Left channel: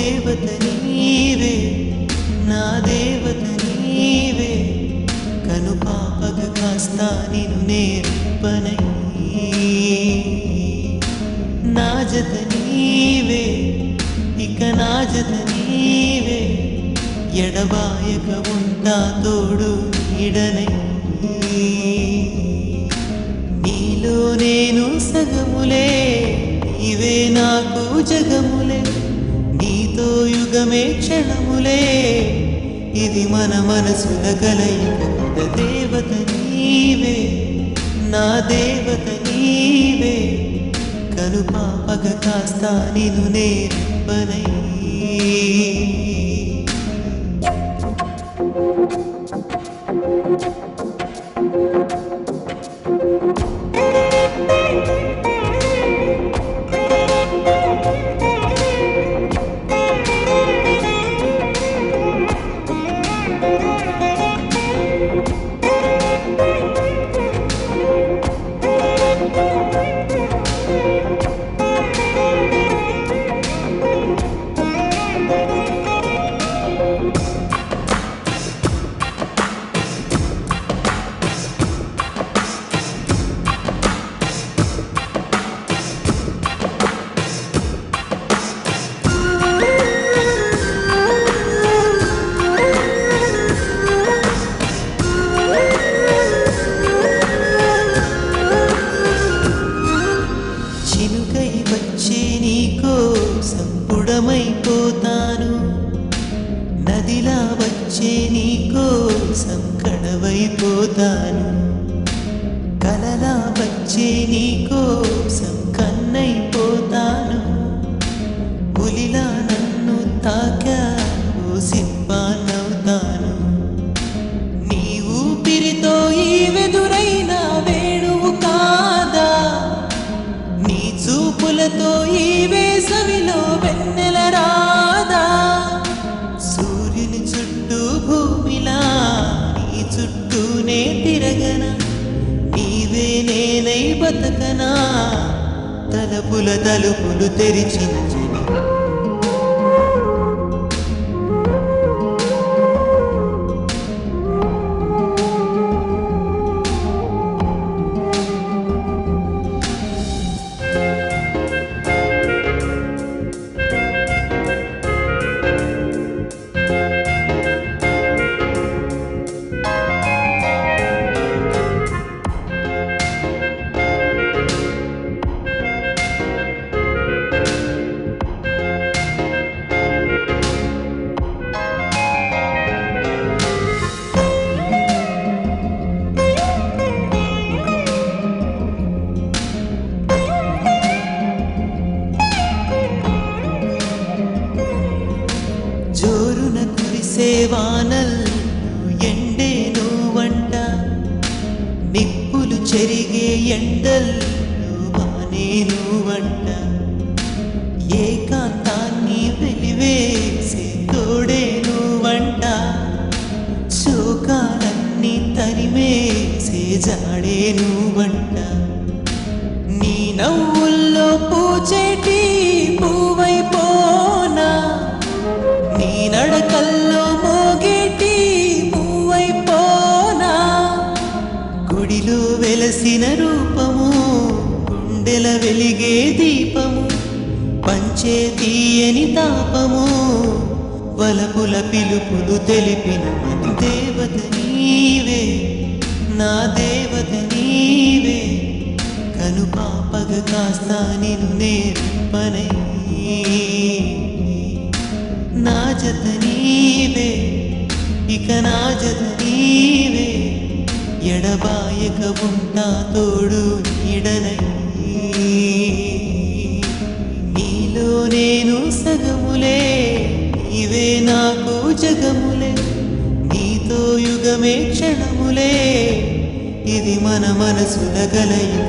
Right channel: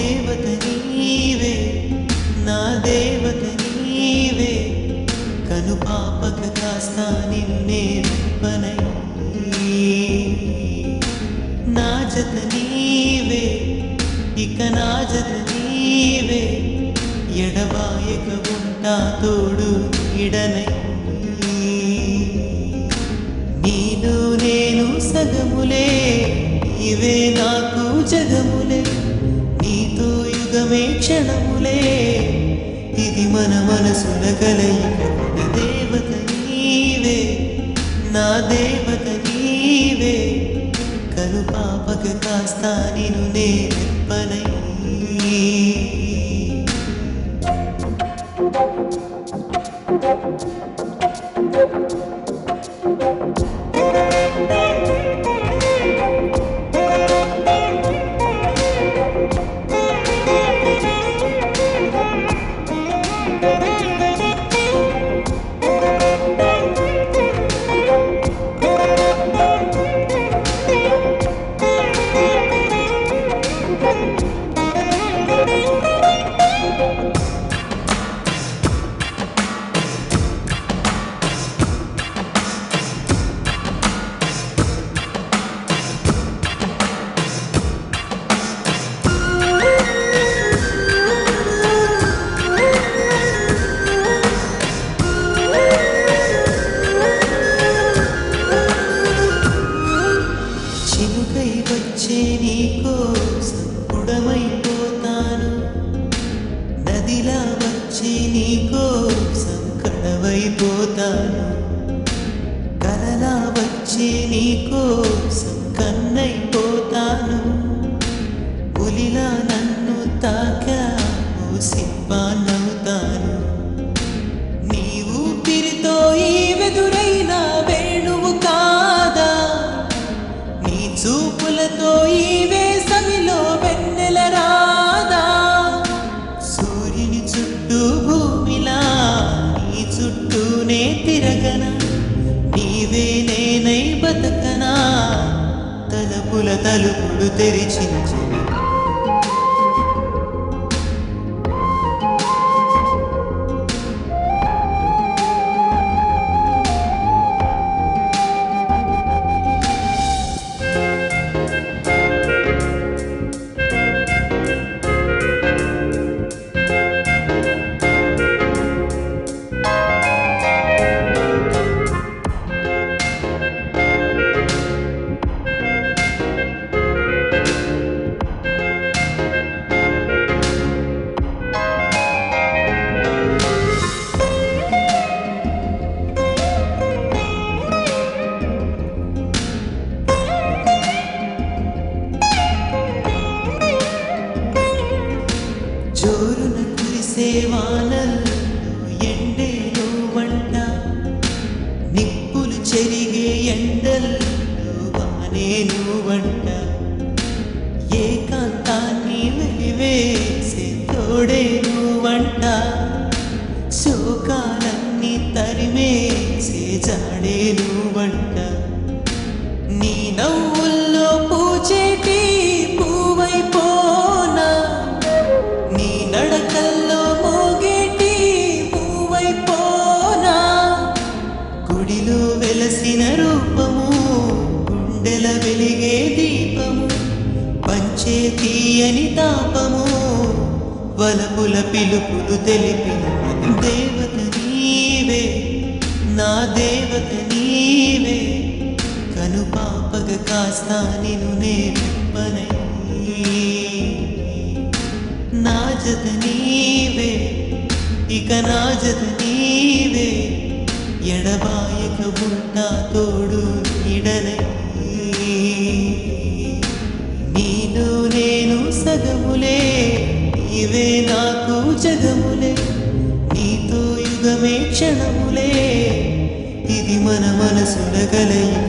దేవత నీవే, నా దేవత నీవే, కను పాపక కాస్తా నిన్ను నేర్పనై, నా జత నీవే, ఇక నా జత నీవే, ఎడబాయక ఉంటా తోడు నీడనై, నీలో నేను సగములే, నీవే నాకు జగములే, నీతో యుగమే క్షణములే, ఇది మన మనసుల కలయిక. దేవత నీవే, నా దేవత నీవే, కను పాపక కాస్తా నిన్ను నేర్పనై. మైపోతాను నదిలా వచ్చి నీకోసం కడవైపోతాను, కలలా వచ్చి నీకోసం కన్నైపోతాను, పులిలా నన్ను తాకావు సింపానవుతాను, నీ ఊపిరితో ఈ వెదురైన వేణువు కాదా, నీ చూపులతో ఈ వేసవిలో వెన్నెల రాదా, సూర్యుని చుట్టూ భూమిలా నీ చుట్టూనే తిరగనా, నీవే నేనై బతకనా, తలుపుల తలుపులు తెరిచిన చెలి. జోరున కురిసే వానల్లో ఎండే నువ్వంట, నిప్పులు చెరిగే ఎండల్లో వానే నువ్వంట, ఏకాంతాన్ని వెలివేసే తోడే నువ్వంట, శోకాలన్నీ తరిమేసే జాడే నువ్వంట, నీ నవ్వుల్లో పూచేటి పువ్వైపోనా, నీ నడకల్లో మోగేటి పువ్వైపోనా, గుడిలో వెలసిన రూపము, గుండెల వెలిగే దీపము, పంచే తీయని తాపము, వలపుల పిలుపులు తెలిపిన దేవత నీవే, నా దేవత నీవే, కను పాపగ కాస్తా నిన్ను నేర్పనై, నా జత నీవే, ఇక నా జత నీవే, ఎడబాయక ఉంటా తోడు నీడనై, నీలో నేను సగములే, నీవే నాకు జగములే, నీతో యుగమే క్షణములే, ఇది మన మనసుల కలయిక.